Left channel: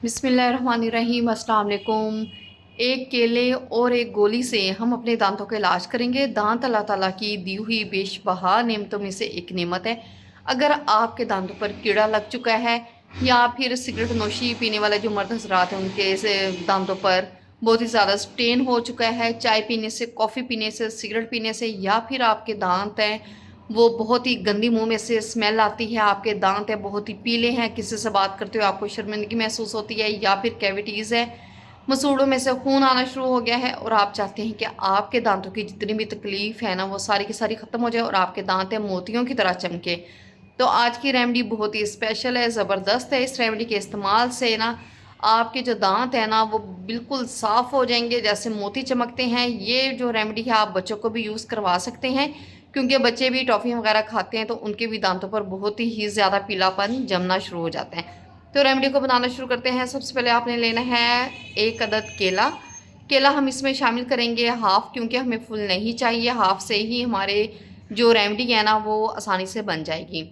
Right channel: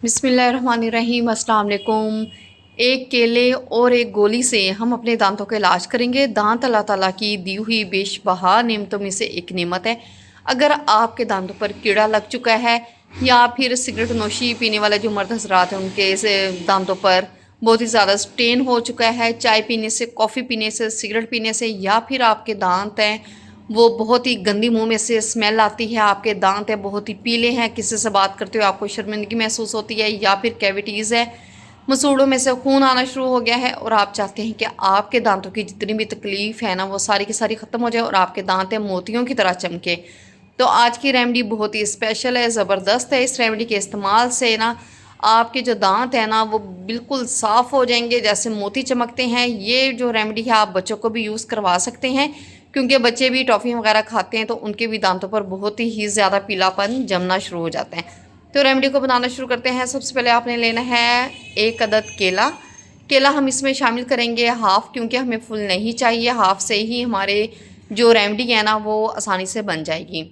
बिस्मिल्लाहिर्रहमानिर्रहीम, अस्सलाम वालेकुम। एक केले और एक गोली से हम अपने दांतों का इलाज करेंगे। दांत अल्लाह ताला की दी हुई बेशबहा नेमतों में से एक नेमत है। अगर आपके दांतों पर कीड़ा लग चुका है या फिर सिगरेट नोशी पीने वाले जो मर्द हजरात हैं उनके दांतों पर बहुत ही ज़्यादा स्टेन हो चुका है, चाय पीने से, कॉफ़ी पीने से, सिगरेट पीने से, या फिर आपके दांत हैं वो बहुत ही गंदी मुंह में से स्मेल आती है, आपके दांत है बहुत ही पीले हैं, किसी से बात करते हुए आपको शर्मिंदगी महसूस होती है, या फिर कैविटीज़ है, मसूड़ों में से खून आना शुरू हो गया है और आप चाहते हैं कि आपके दांतों की जितनी भी तकलीफ़ है ना वो सारी की सारी ख़त्म हो जाए और आपके दांत है मोतियों की तरह चमके। तो आज की रेमेडी बहुत ही स्पेशल है, ज़बरदस्त है। इस रेमेडी के इस्तेमाल से ना आपके जो दांत हैं ना वो बिल्कुल साफ़ हो जाएंगे, जैसे मोती चमकते हैं। ये जो रेमेडी है आप बच्चों को भी यूज़ करवा सकते हैं, क्योंकि बच्चे भी टॉफ़ी वगैरह खाते हैं तो उनके भी दांतों पर बहुत ही ज़्यादा पीलापन जमना शुरू हो जाता है। तो रेमेडी को बनाना शुरू करते हैं। सबसे पहले आपने लेना है एक अदद केला। केला हम इसमें शामिल करेंगे हाफ़, क्योंकि हमें फुल नहीं चाहिए। हाफ़ से ही हमारे जो रेमेडी है ना वो आसानी से बन जाएगी।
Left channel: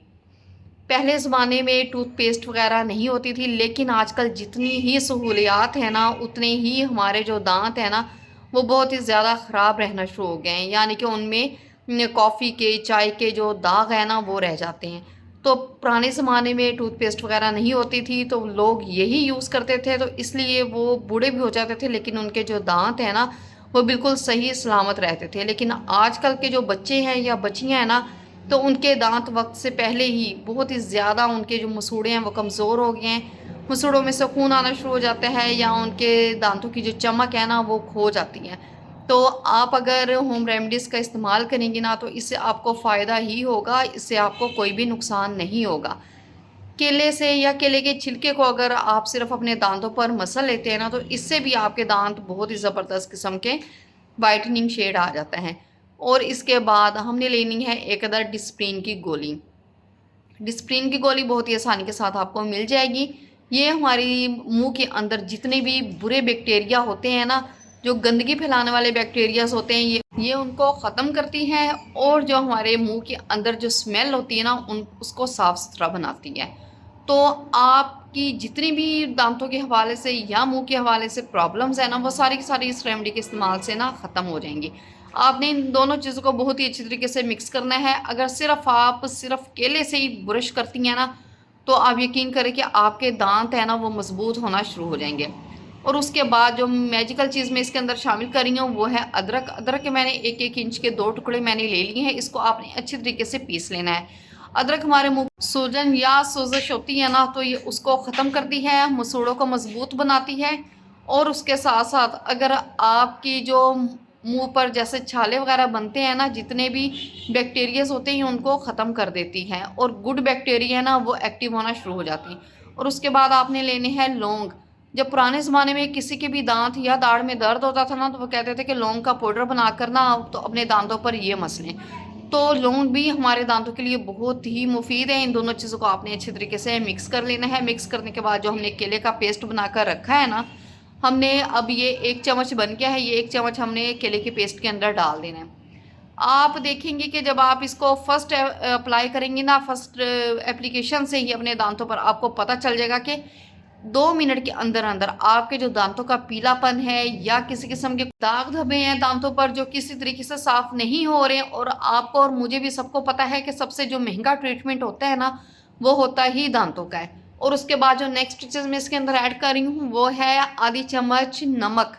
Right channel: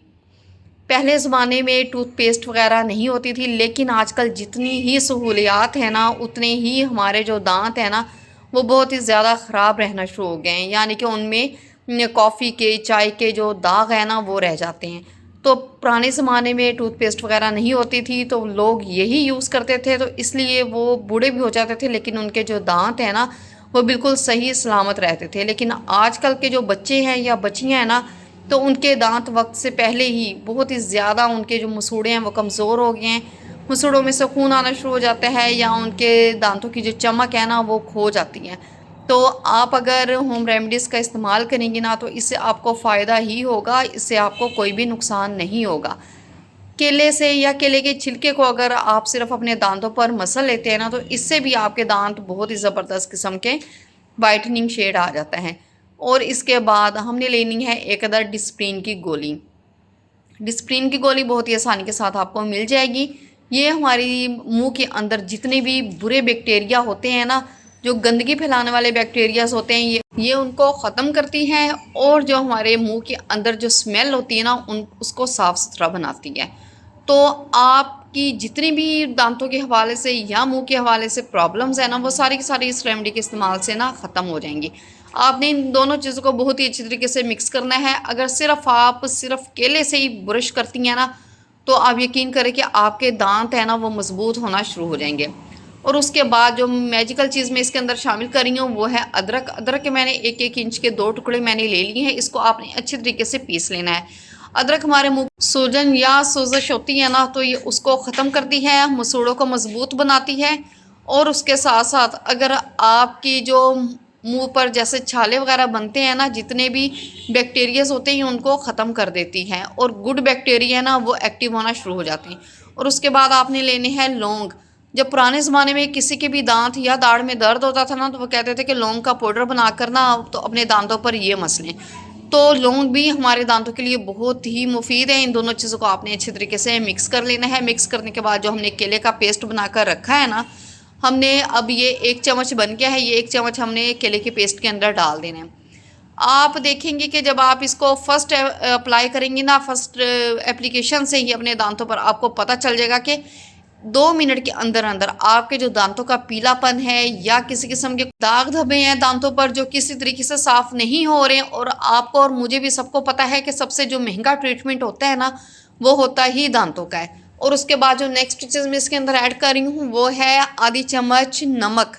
पहले ज़माने में टूथपेस्ट वगैरह नहीं होती थी, लेकिन आजकल जितनी ही सहूलियात हैं ना उतने ही हमारे जो दांत हैं ना वो बहुत ही ज़्यादा ख़राब रहना शुरू हो गए हैं, यानी कि उनमें कॉफ़ी के, चाय के जो दाग हैं ना वो रह जाते हैं। तो पुराने ज़माने में टूथपेस्ट वगैरह नहीं होती थी तो लोग यही यूज़ करते थे, तो इसलिए वो बूढ़े भी हो जाते थे लेकिन उनके जो दांत हैं ना वो बिल्कुल सही सलामत रहते थे। लेकिन आजकल के जो बच्चे हैं या बच्चियाँ हैं ना तो उनके दांत वक्त से पहले ही बहुत ही ज़्यादा उनके जो मसूड़े हैं वो कमज़ोर हो गए हैं, मसूड़ों में से खून आना शुरू हो जाता है या उनके दांतों की जो चमक है ना वो खो जाती है। तो आप अगर होम रेमेडीज़ का इस्तेमाल करेंगी ना तो इससे आपको फ़ायदा ही होगा, इससे आपको कोई भी नुकसान नहीं होगा। केले से या केले के छिलके को अगर आप सिर्फ अपने दांतों पर मसल लेते हैं ना तो इससे भी आपके दांत बहुत ही ज़बरदस्त किस्म के वाइटनिंग शेड आ जाता है। और इसके बाद हमने लेनी है एक अदर डिस्प्रिन की गोली। डिस्प्रिन की गोली बहुत ही आसानी के साथ आपको मिल जाएगी। ये हमारी मुंह के अंदर जितने भी बुरे बैक्टीरिया होते हैं ना, जो गंदगी फैलाने वाले बैक्टीरियाज होते हैं, ये उनको ख़त्म करती हैं और जो हमारे मुंह के अंदर जो स्मेल होती है ना उन उसको साफ़ सुथरा बनाती है। तो आपकी जितनी भी दांतों के हवाले से या मुंह के हवाले से प्रॉब्लम्स है ना वो सारी की सारी इस रेमेडी के इस्तेमाल से ना ख़त्म हो जाएंगी। आपने इन दोनों चीज़ों को बहुत ही अच्छी तरीके से मिक्स करना है। अगर आप सिर्फ केले से ही ब्रश करती हैं ना तो आप यकीन करें कि आपके दांत है ना वो मजबूत होना शुरू हो जाएंगे। और उसके बाद जो मैजिकल चीज़ मैं इसके अंदर शामिल कर रही हूँ वो है अदरक। अदरक के मैंने 1-1 इंच के 2 टुकड़े मैंने ले लिए हैं। इसको आपने अच्छी तरीके से पीस लेना है। अदरक हमारे मुंह सूजन या सोजश होती है ना तो ये उसको ख़त्म करती है, मसूड़ों को मजबूत बनाती है। और उसके साथ साथ अगर आपकी जो मुंह पर जैसे छाले वगैरह बनते हैं ना, जितने भी बैक्टीरियाज होते हैं उनको ख़त्म कर देती हैं और गुड बैक्टीरिया ना वो एक्टिव होना शुरू हो जाते हैं। और उसके बाद आपने लेने हैं लौंग। जब पुराने ज़माने में किसी के भी दांत या दाढ़ में दर्द होता था ना तो वो कहते थे कि लौंग का पाउडर बनाकर ना तो अपने दांतों पर ये मसलें। तो लौंग भी हमारे दांतों के लिए बहुत ही मुफीद है। इन दोनों चीज़ों को आपने अच्छे तरीके से मिक्स कर लेना है। मिक्स करने के बाद जो हमने केले का पेस्ट बनाकर रखा है ना, हमने अब ये 1 चम्मच बन गया है, ये 1 चम्मच हमने केले के पेस्ट के अंदर डाल देना है। आप देखेंगे कि जब आप इसको फर्स्ट अप्लाई करेंगी ना, फर्स्ट एप्लीकेशन से ही अपने दांतों पर आपको पता चल जाएगा कि 2 मिनट के अंदर अंदर आपके जो दांतों का पीलापन है या किसी किस्म के दाग धब्बे हैं दांतों पर जो किसी तरीके से साफ नहीं हो रहे हैं। और आपको और मुझे भी सबको पता है कि सबसे जो महंगा ट्रीटमेंट होता है ना वो होता ही दांतों का है। और उसके बाद जो नेक्स्ट चीज़ मैं इसके अंदर ऐड कर रही हूँ वो है आधी चम्मच नमक।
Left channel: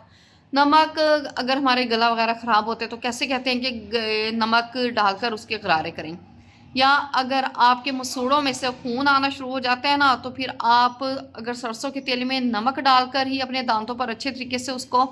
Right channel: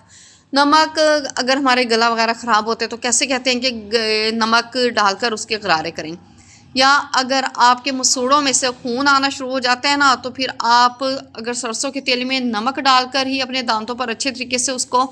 नमक अगर हमारे गला वगैरह ख़राब होते हैं तो कैसे कहते हैं कि नमक डालकर उसके गरारे करें। या अगर आपके मसूड़ों में से खून आना शुरू हो जाता है ना तो फिर आप अगर सरसों के तेल में नमक डालकर ही अपने दांतों पर अच्छे तरीके से उसको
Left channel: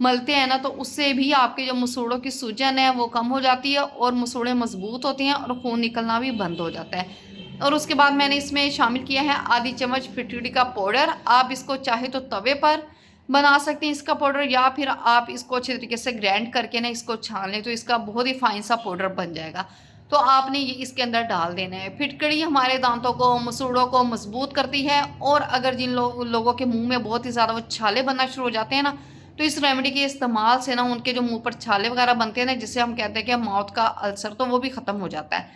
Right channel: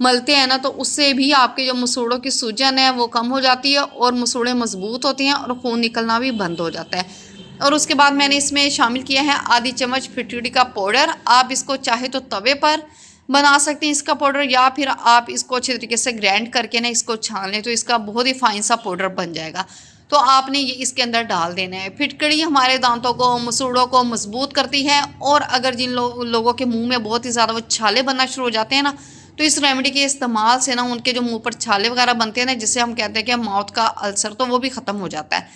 मलते हैं ना तो उससे भी आपके जो मसूड़ों की सूजन है वो कम हो जाती है और मसूड़े मजबूत होते हैं और खून निकलना भी बंद हो जाता है। और उसके बाद मैंने इसमें शामिल किया है आधी चम्मच फिटकरी का पाउडर। आप इसको चाहे तो तवे पर बना सकते हैं इसका पाउडर, या फिर आप इसको अच्छे तरीके से ग्राइंड करके ना इसको छान लें तो इसका बहुत ही फाइन सा पाउडर बन जाएगा। तो आपने ये इसके अंदर डाल देना है। फिटकड़ी हमारे दांतों को, मसूड़ों को मजबूत करती है। और अगर जिन लोगों के मुंह में बहुत ही ज़्यादा वो छाले बनना शुरू हो जाते हैं ना तो इस रेमेडी के इस्तेमाल से ना उनके जो मुंह पर छाले वगैरह बनते हैं ना जिसे हम कहते हैं कि माउथ का अल्सर, तो वो भी ख़त्म हो जाता है।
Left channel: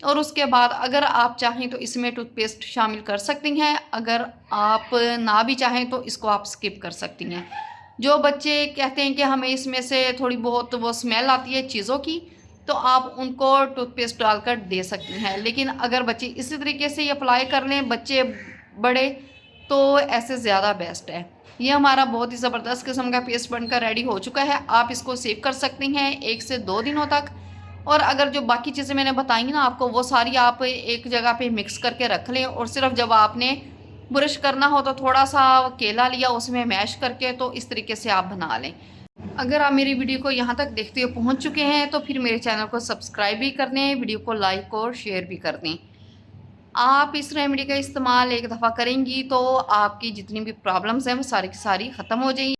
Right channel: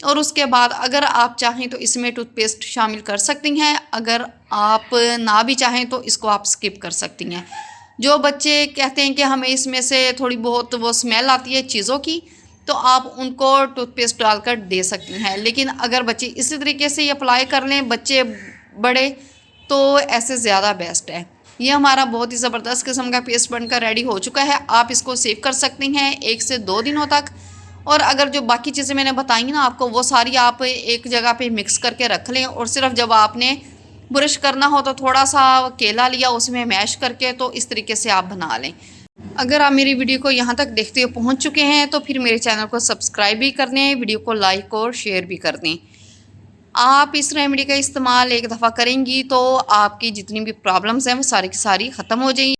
और उसके बाद अगर आप चाहें तो इसमें टूथपेस्ट शामिल कर सकती हैं, अगर आप ना भी चाहें तो इसको आप स्किप कर सकती हैं। जो बच्चे कहते हैं कि हमें इसमें से थोड़ी बहुत वो स्मेल आती है चीज़ों की, तो आप उनको टूथपेस्ट डालकर दे सकती हैं। लेकिन अगर बच्चे इसी तरीके से ये अप्लाई कर लें, बच्चे बड़े, तो ऐसे ज़्यादा बेस्ट है। ये हमारा बहुत ही ज़बरदस्त किस्म का पेस्ट बनकर रेडी हो चुका है। आप इसको सेव कर सकती हैं 1 से 2 दिनों तक। और अगर जो बाकी चीज़ें मैंने बताई ना आपको, वो सारी आप एक जगह पे मिक्स करके रख लें, और सिर्फ जब आपने ब्रश करना हो तो थोड़ा सा केला लिया, उसमें मैश करके, तो इस तरीके से आप बना लें। अगर आप मेरी वीडियो को यहाँ तक देखते हुए पहुँच चुके हैं तो फिर मेरे चैनल को सब्सक्राइब भी कर दें, वीडियो को लाइक और शेयर भी कर दें। आप इस रेमेडी का इस्तेमाल एक दफ़ा करेंगी तो आपकी जितनी भी प्रॉब्लम्स हैं वो सारी की सारी ख़त्म हो जाएंगी।